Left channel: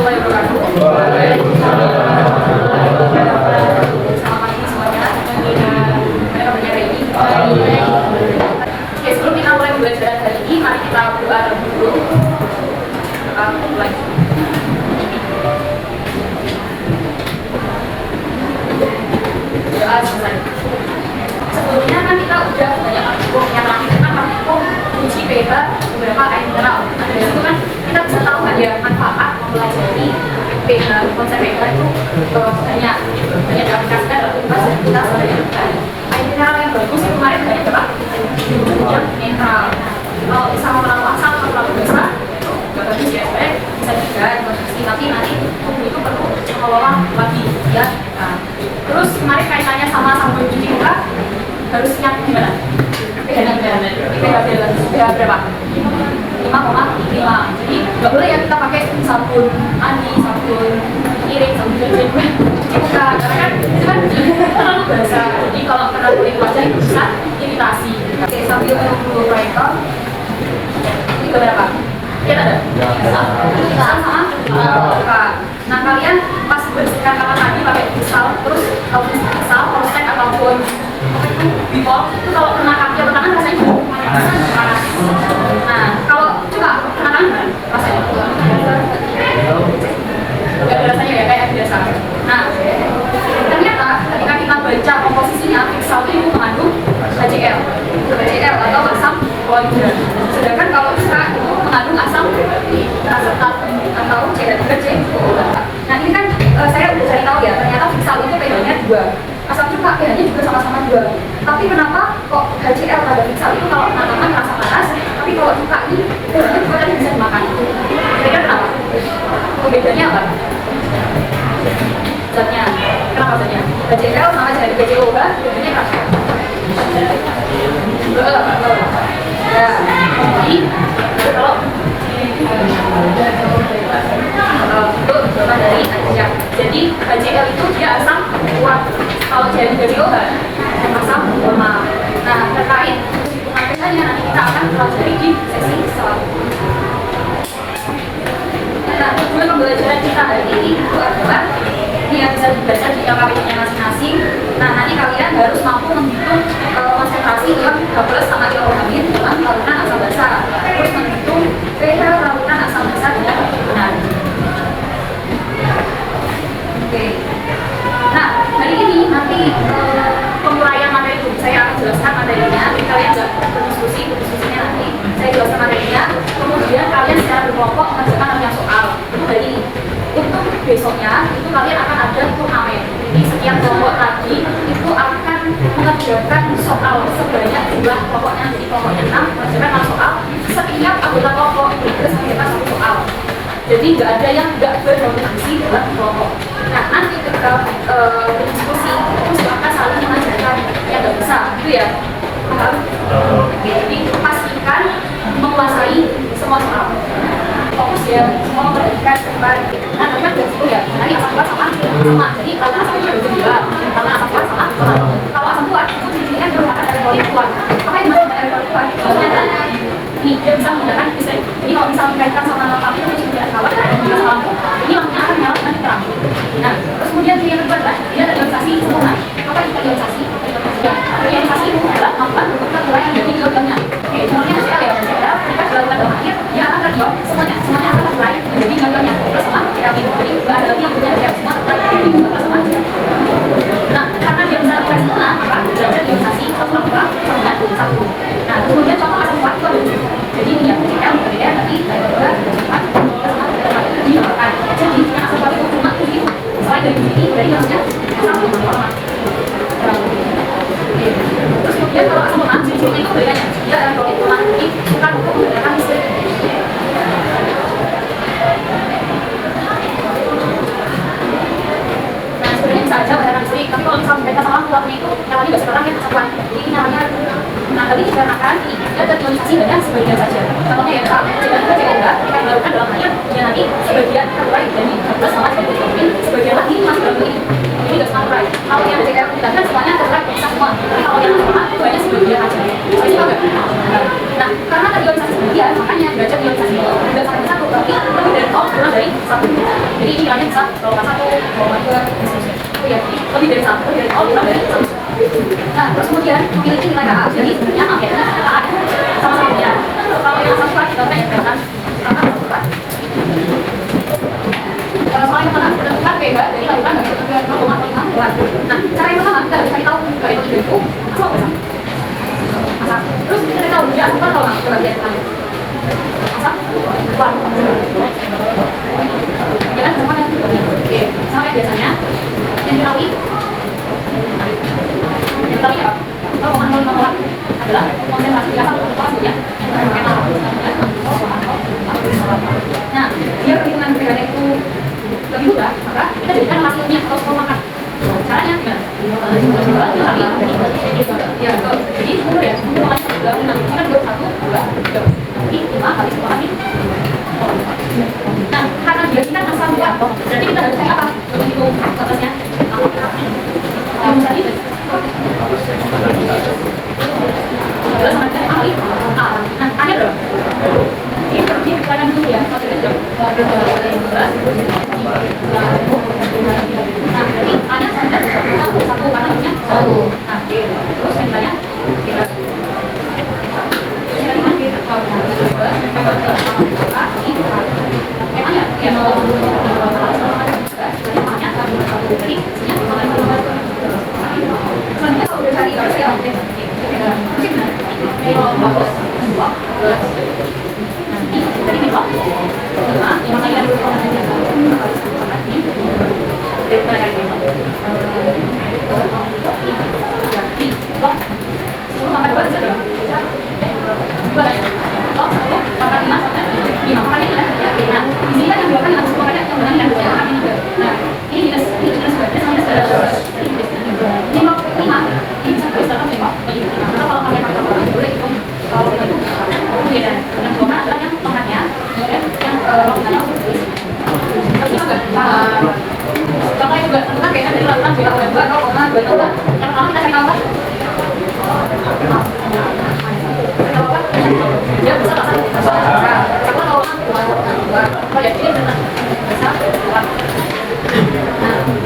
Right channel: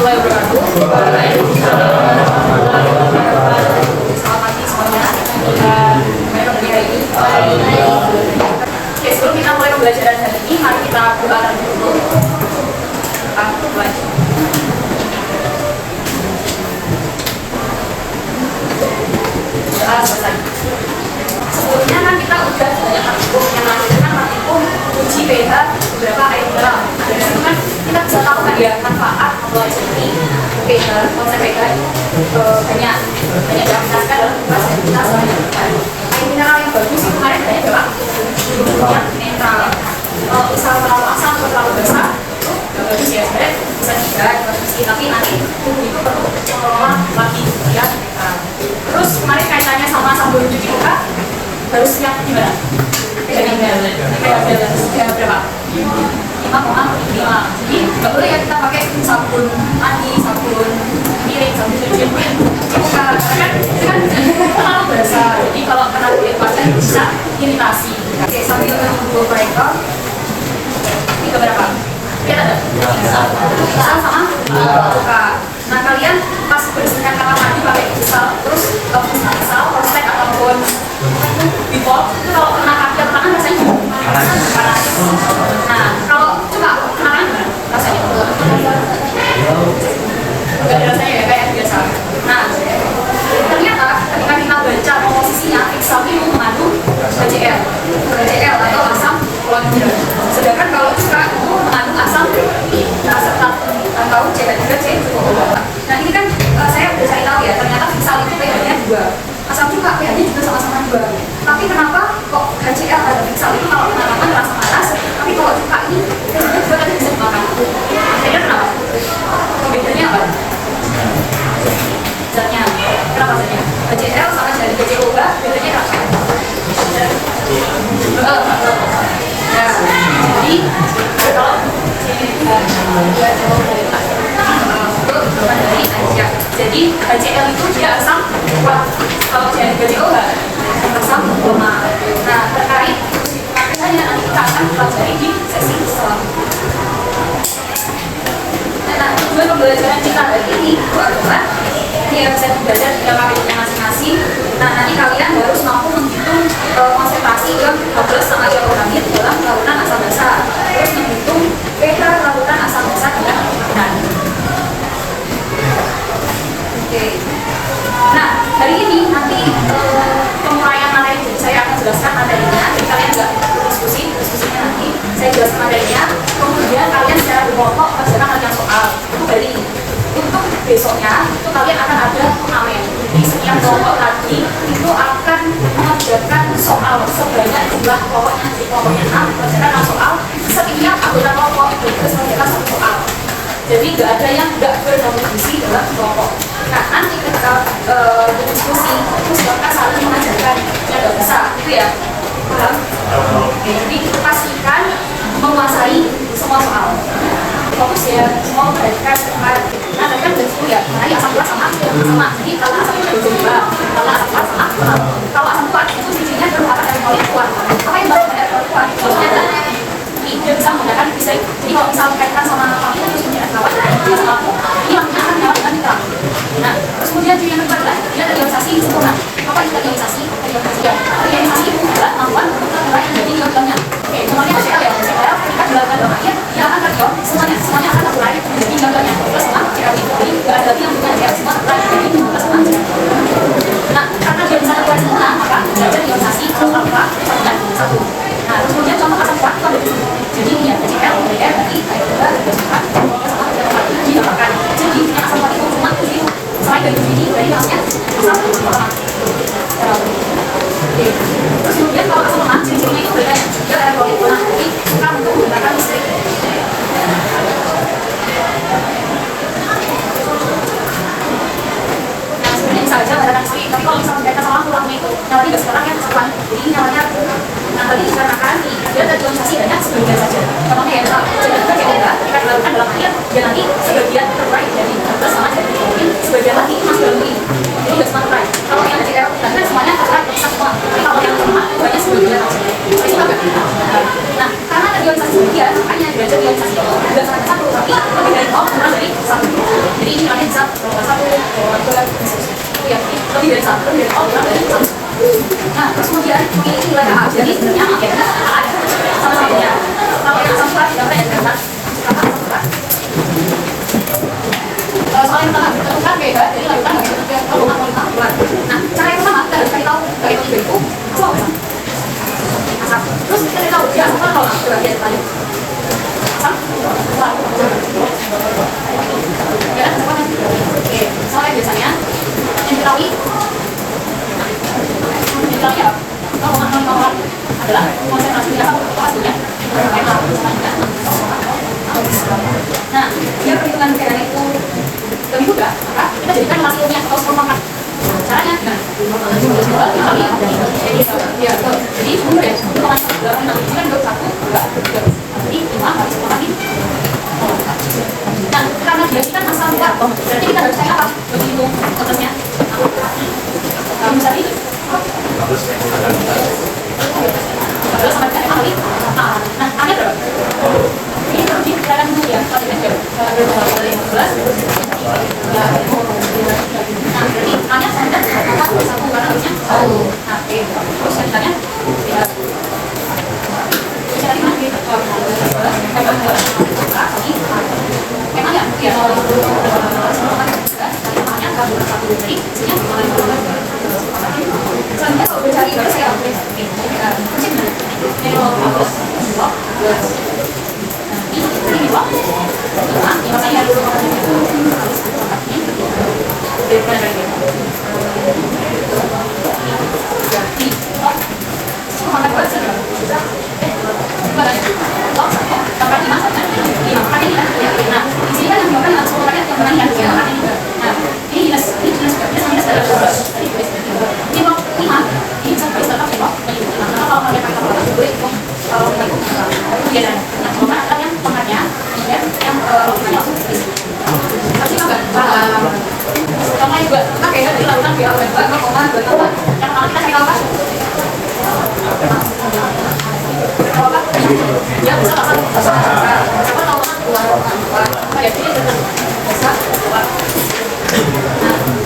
warahmatullahi wabarakatuh. Selamat pagi semuanya. Bagaimana hari ini? Oke, sebelum kita mulai pembelajaran hari ini, mari kita berdoa dulu. Kita mulai. Doa selesai. Sebelumnya kan kita udah banyak hukum yang lain kan uji PH beberapa air mineral. Nah, dari itu kan kita bisa tahu ada manfaat mempelajari PH, konsep PH itu banyak diaplikasikan dalam kehidupan kita sehari-hari. Air mineral yang bagus itu kemarin banyak banget yang netral. Kalau misal terlalu asam atau terlalu besar, nggak bagus ya sebenarnya bisa juga konsumsi, tapi nanti itu perlu mengelola lagi ya netral. Terus kemarin kaitannya sama sabun cuci muka harus siap gimana? Kayak berapa? 5,5. Jadi nggak boleh ya kita pakai sabun mandi, sabun piring, sabun cuci muka. Karena itu kan terlalu basah. Jadi kalau kena kulit wajah itu bisa iritasi. Oke, sambil menunggu mereka. Ini ke berapa? Lihat ada? Sama? Nah, kalian pas bersihkan kamar mandi pakai sal, terus kalau misalnya sal, konstek ataupun bipol, kalau kena kaki atau tangan rasanya panas. Nah, kalau coba kena tangan rasanya gak ada rasanya ya, kayak biasa. Nah, ternyata ketika kita baca komposisinya, sal itu mengandung HCl atau asam chlorhidrat. Sedangkan kalau cuka itu mengandung asam asetat atau CH3COO. Nah, ini kan saya udah cari tahu ya, ternyata sal itu pH-nya 2. Asam cuka pH-nya juga sama-sama 2. Tapi kenapa kok HCl dan sal itu kalau kena tangan terasa panas, tapi kalau cuka ini pH-nya juga tadi bisa dimakan. Kira-kira kenapa? Bedanya apa? Zatnya. Kenapa zatnya? HCl sama CH3COO bedanya apa? Ya. Jadi kalau dari ajak. Jadi HCl itu dia asam kuat. Kalau CH3COO asam lemah. Nah, terkait makanya nanti kita akan pelajari di sesi selanjutnya. Nah, tujuan pembelajaran kita hari ini itu adalah ini yang bisa belajar di KPP-nya masing-masing. Nah, nanti kalian harus mampu menghitung konsentrasi H+ sama ion dalam larutan asam basa. Terus menghitung pH larutan asam basa dengan benar. Oke. Nah, hari ini nanti penguraian materi saya akan jelaskan materinya. Jadi kalian nggak diskusinya nanti. Saya jelaskan materinya. Kemudian kalian secara berkelompok mengerjakan rangkaian soal. Hari ini. Untuk besoknya itu kalian akan ada turnamen. Jadi setiap kelompok tadi itu akan mengerjakan soal sebanyak jumlah kelompoknya. Jadi kelompoknya 6 mengerjakan 6 soal. Setiap anggota kelompok itu harus mengerjakan 1 soal. Jadi nggak ada yang nggak berkontribusi dalam kelompok. Nah, nanti ketika berdiskusi itu silakan saling mengajarkan yang nggak bisa, gitu ya. Paham? Jadi pastikan menguasai semua soal. Fokus ya, semua memperhatikan depan. Nah, kan udah 10 ya. Nanti asam kuat sama. Jadi kalau asam kuat bisa 2, kalau asam kuat sama. Kalau asam kuat itu ciri-cirinya merupakan elektrolit kuat. Apa yang merupakan elektrolit kuat? Soalnya adalah dia bisa menggunakan listrik. Jadi kalau misalnya dikaitkan sama lampu itu harus tidak kawat sama lampu. Ini lampunya akan nyala dengan terang. Nah, terus kemudian ciri yang kedua adalah dia ada ionisasi sempurna. Apa itu ionisasi? Ionisasi itu adalah melakukan penguraian dari ion-ionnya. Oke, contohnya HCl ya. HCl ketika dilakukan dalam air, dia akan terion. Semuanya akan terurai menjadi ion-ionnya. Plus sama CH3. Jadi nggak ada lagi yang punya reaksi semua terurai menjadi plus sama CH3. Nah, karena dia bisa terurai sempurna, maka belajar ionisasi sama satu. Nah, kemudian contoh asam kuat itu ada. Jadi punya HCl, kemudian nanti air juga cepat dimakan. Jadi punya asam kuat itu cuma 7. Selain dari sini, berarti maksudnya asam itu orang. Oke. Terus kemudian kalau asam lemak, ciri-cirinya itu bedanya dia elektrolit kuat, jadi suka untuk menggunakan listrik. Nah, sebenarnya bisa aja menggunakan listrik, tapi kalau misalnya mereka salah pulangnya itu nyalanya nggak sekarang ya keseruan. Jadi nyalanya tadi dikarenakan dia ada ionisasi banyak sebagian saja. Contohnya ya, kalau CH3COO kita dilakukan dalam air, dia nanti sebagian terurai dari plus sama CH3COO, sebagian lagi masuk dalam ini. Jadi nggak semua terurai. Kalau yang HCl kan semuanya terurai bisa semua. Tapi kalau yang sama itu hanya sebagian aja. Itu agak. Nah, karena ada ionisasi sebagian, makanya dia ada ionisasi itu dan sangat besar, tapi lebih dari kurang dari 1. Oh ya, lebih dari satu, lebih dari satu. Nah, terus kemudian memiliki nilai KA. Jadi sebenarnya akhirnya KA sama satunya. Kalau yang asam surat tidak banyak kan? Soal yang pertama, tentukan beda, jadi lakukan nggak ketentuan 0,5 bulan. Nah, cara yang pertama kita harus cari tahu garis itu apa asam. Asam. Terus kita cari tahu dia asam atau nggak? Coba lihat depannya. Asam, bulan. Ya kan, sama kan? Oke, sama kayak biasanya. Yang diketahui apa? 0,05 adalah konsentrasi apa? Hasilnya. Nah, dia perhitungan bedanya itu lebih mudah, maka kita jadikan relasi ilmiah atau skor. Caranya gimana? Ya, jadi mudah ya. Untuk mengatur ini kan 21, 2, 3. Jadi 5 kali 10 kali. Nah, karena dia kita asam bulat, berarti kita harus cari apa? Begitu atasnya. Misalnya sama dengan kali. Nah, A-nya berapa? Ini kita akan dulu ya. Nah, ini A-nya standar 1 karena harusnya 1. Nah, terus yang tanya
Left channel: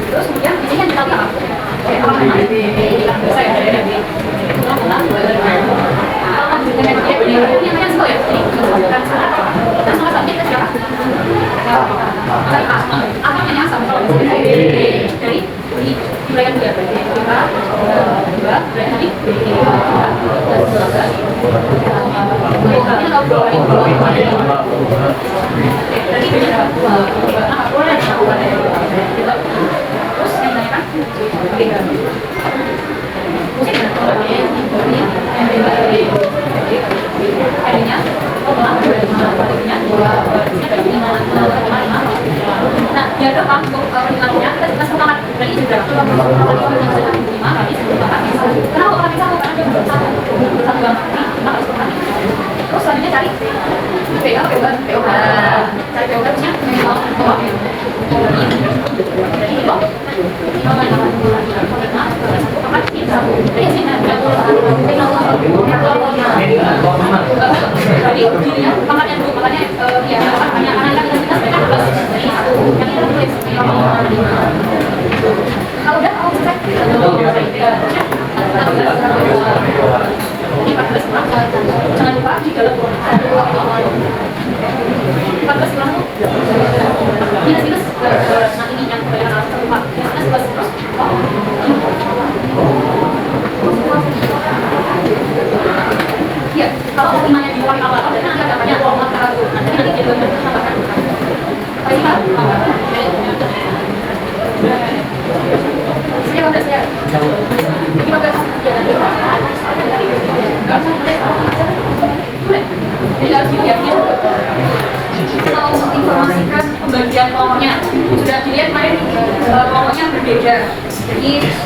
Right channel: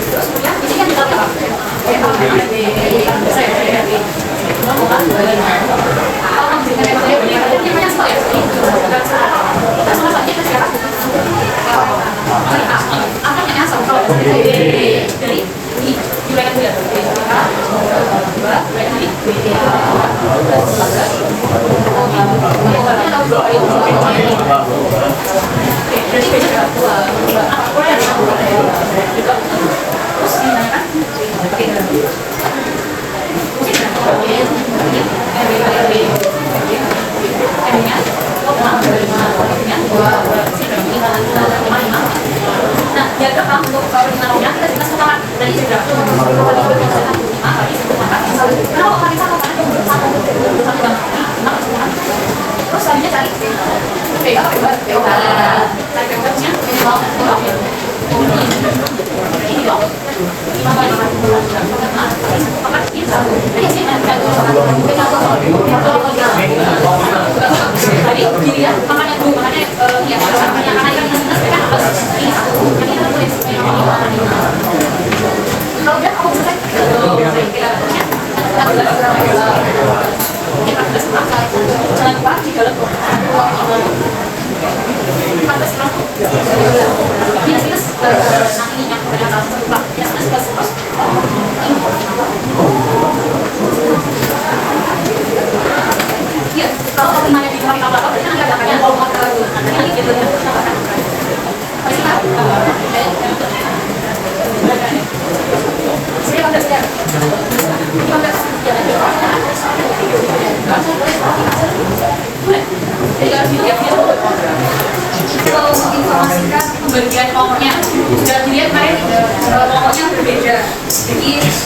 terus kemudian di sini kan kita lihat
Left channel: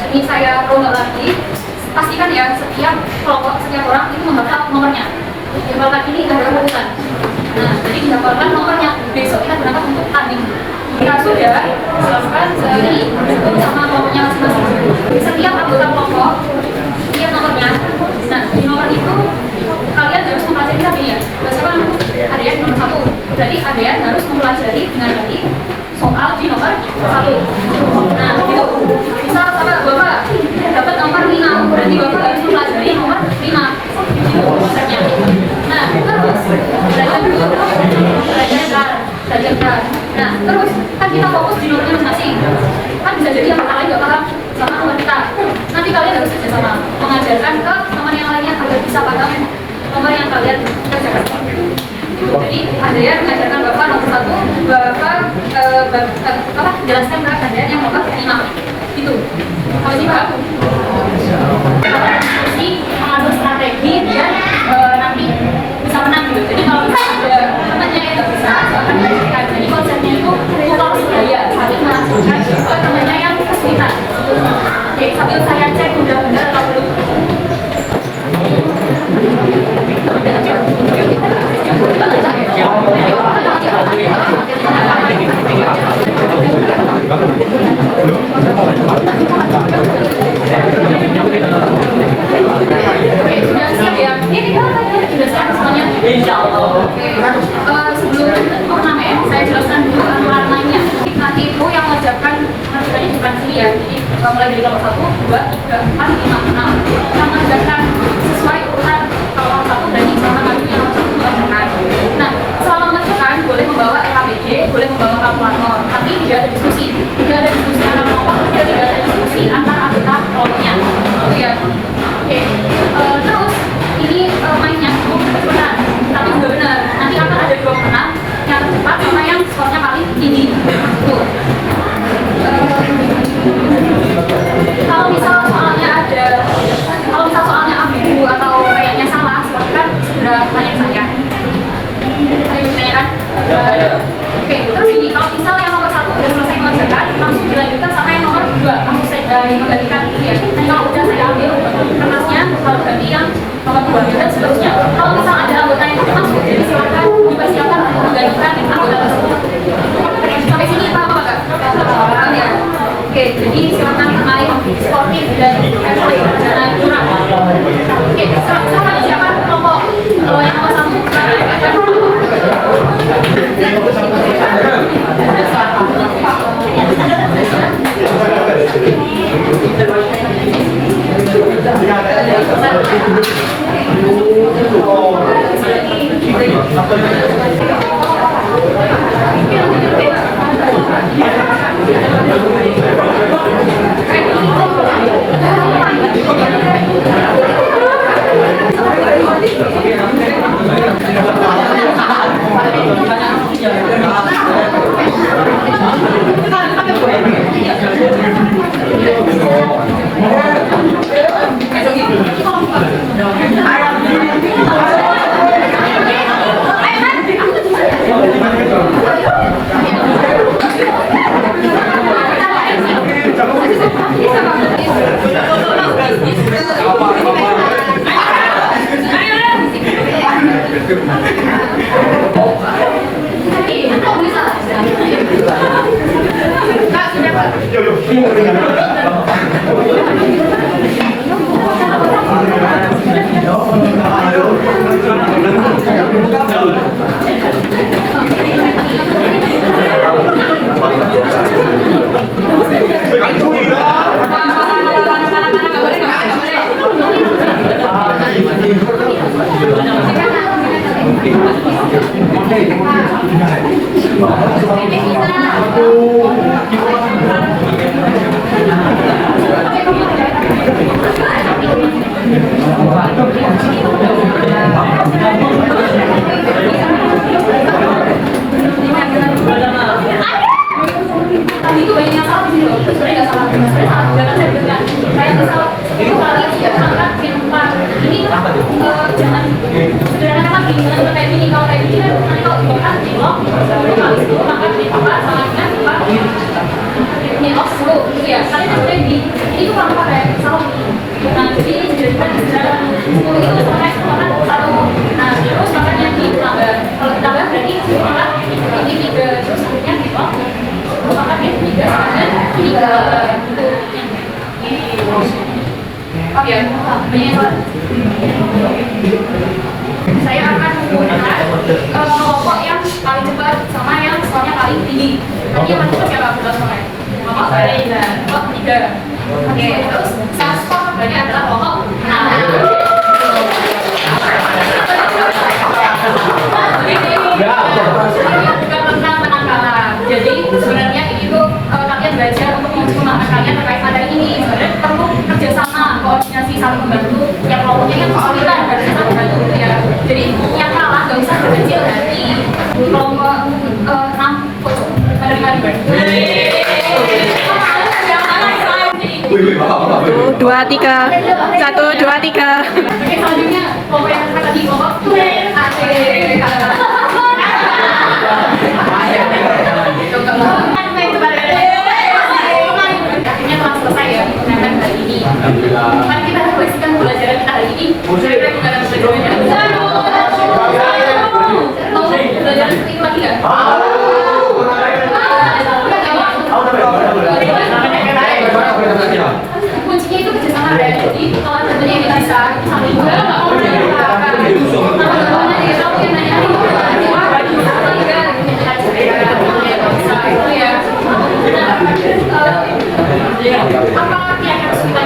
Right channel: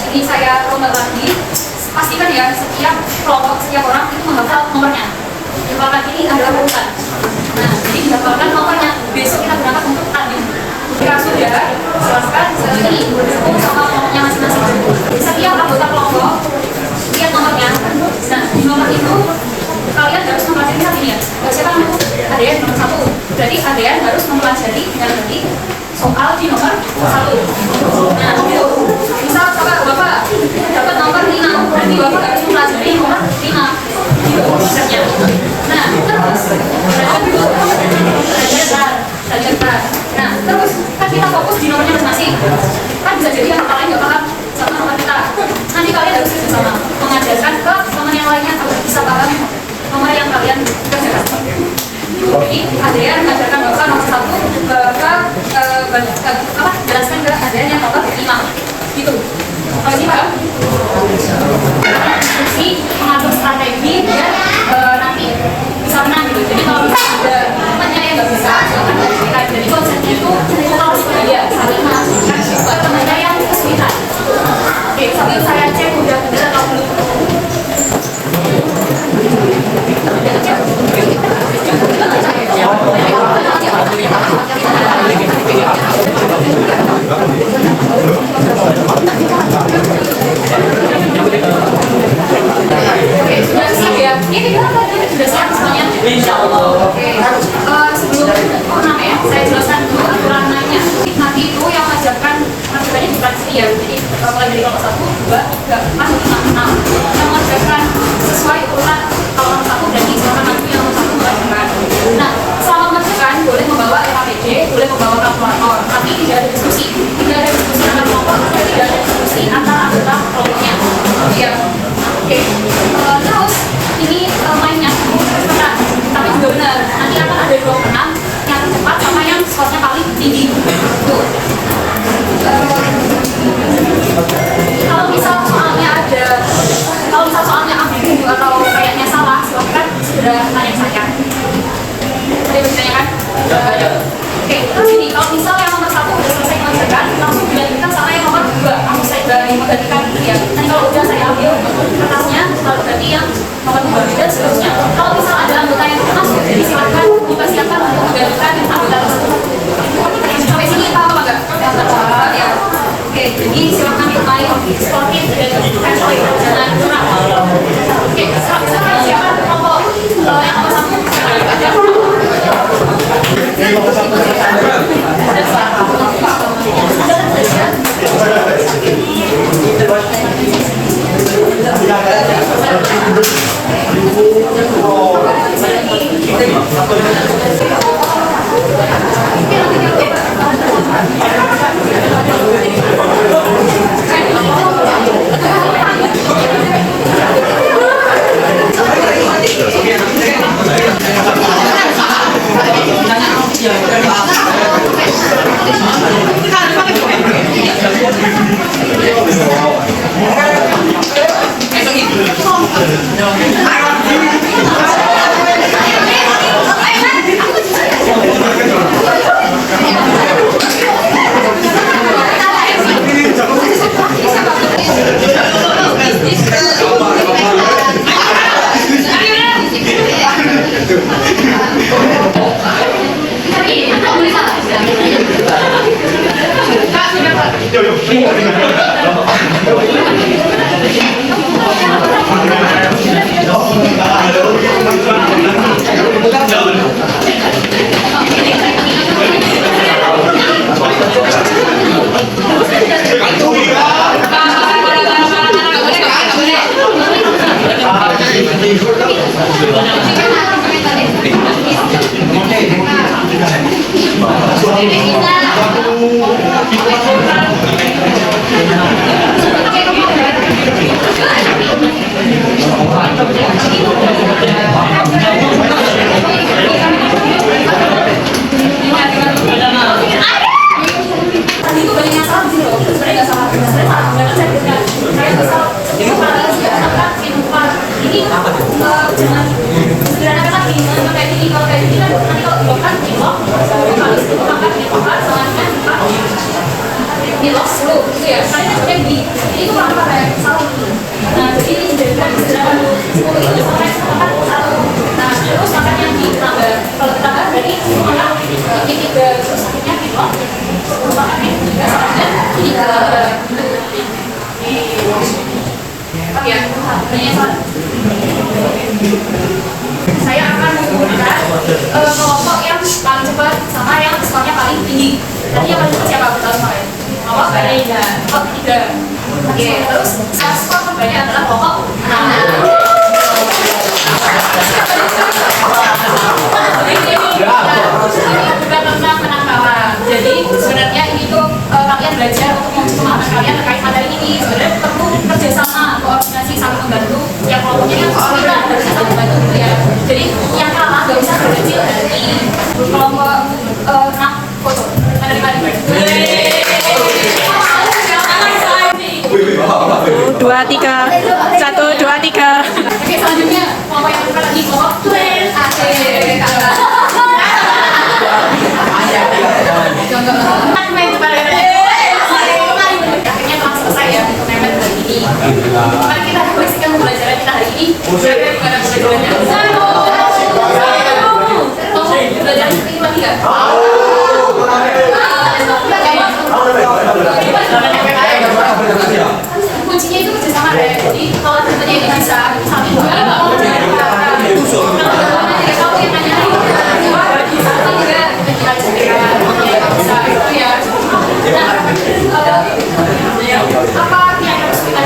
ini saya runut lagi, pastikan ya setiap kelompok, setiap orang itu menghafal nomornya. Yang lagi ini adalah urutan. Nah, jadi dihafalkan nomornya. Besok kita berangkat untuk tanding. Jika sudah, silakan ini itu sama nomornya masing-masing. Setiap anggota kelompok lihat nomornya. Nah, di nomor itu kalian harus mempelajari ini ya. Siapa namanya? Adean nomor 1. Berarti Adean harus mempelajari dengan baik soal di nomor 1. Nah, Nah, terus kan kita fokus di nomornya masing-masing. Kan bisa jadi yang lain nggak paham sama nomor kita. Nanti kalian harus bersama mengajarkan ke teman yang lainnya agar bisa paham nomor yang kalian kerjakan. Jadi ada yang mengajarkan bapak nomor 1, bapak jelaskan ke ada yang nomor 5 gitu. Kalau ini paham? Diskusi, mengatur strategi dan nanti bisa menang gitu. Jadi kalau misalnya ada temannya yang nggak bisa, jadi konsepnya itu harus daya saling mengajarkan ke temannya yang kesulitan. Oke, sambil saya cek udah benar atau belum. Oke, sudah siap ya? Ini kan sudah siap semuanya? Insya Allah. Oke, sebelum turnamen saya jelaskan dulu aturan mainnya. Nanti itu yang mengajarkan di depan sini ya. Jadi mulai dari nomor 1, 2, 3, 4, 5, 6. Yang mengajarkan sesuai urutan. Kalau nomor 1 berarti silakan adu yang nomor 1 mengajarkan. Nah, selama mengajarkan boleh membawa LKPJ, boleh membawa kalkulator. Tapi tidak ada diskusi. Tidak ada diskusi antara kelompok, tidak ada diskusi antara anggota kelompoknya. Ya. Oke. Terus ini mainnya cepat, tapi juga benar. Nanti akan ada 2 pemenang, yang cepat sama yang skornya paling tinggi. Tuh. Kalau misal soalnya ambigu atau kayaknya salah, silakan segera tanya saya. Ada bertanya kan? Ada. Oke, terus ini kalau misal yang nomor 1 udah selesai mengajarkan, langsung dilanjutkan sama yang nomor 2. Langsung saya menggantikan ini ya. Nanti kalau udah saya ambil kertasnya, lalu ganti yang nomor 2 dan seterusnya. Kalau misal ada anggota yang masuk, jadi silakan dipersiapkan untuk menggantikan anggota tersebut. Sampai sini paham apa nggak? Paham ya? Oke, jadi silakan main sportif dan friendly, jangan curang. Oke, silakan siapkan kelompok. Kalau yang nomor 1 saya akan menggunakan kelompok yang paling cepat sama yang skornya paling tinggi. Nanti yang paling cepat siapa? Kita mulai. Kelompok kelompok 3. Oke, terus skor keduanya adalah kelompok 6. Ini juga tentang penangkapan. belajar untuk memperkenalkan kalian terkait materi ini. Sebenarnya perlu kerjasama, koordinasi, saling membantu. Yang kelompoknya kan kesulitan, harusnya saling membantu gitu ya. Jadi yang kalah nggak usah berkecil hati. Kelompok 6 foto menerima reward. 1, 2, 3. 1, 2, 3. Oke, selanjutnya kelompok yang akan lagi kelompok twin. Asik. Akhirnya telah selesai ya pertemuan hari ini. Mari kita refleksikan pembelajaran kita hari ini. Kira-kira gimana pembelajarannya? Mau belajar seperti lagi nggak? Kuncinya itu kerjasama ya. Jadi kalau tentunya ini bisa saling kalau apa yang harus kita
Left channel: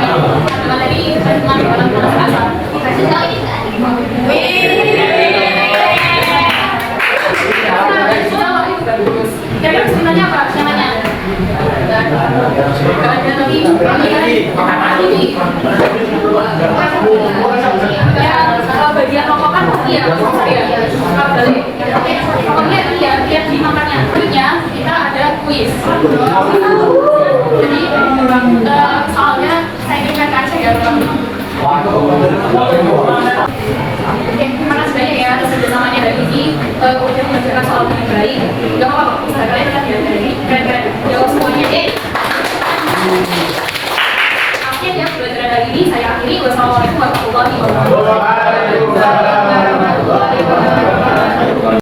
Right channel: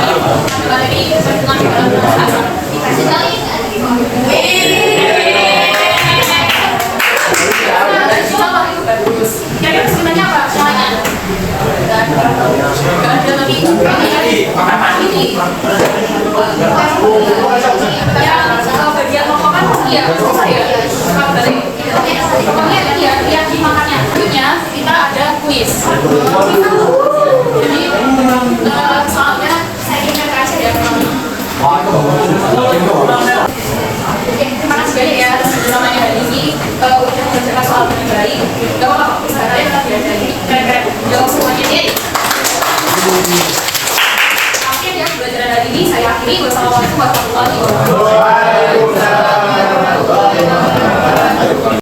dari pertemuan bagus. Kira-kira sebenarnya apa namanya? Gak ada lagi ini yang bagian rokok kan iya susah ya balik pokoknya iya yang dimakannya dulunya kita ada kuis jadi soalnya saya ingat aja ya oke terima kasih banyak ya atas pertemuannya hari ini udah menjelaskan soal dengan baik gak apa-apa usaha kalian tetap belajar ini keren-keren jawab semuanya deh akhir ya pembelajaran hari ini saya akhiri wassalamualaikum warahmatullahi wabarakatuh.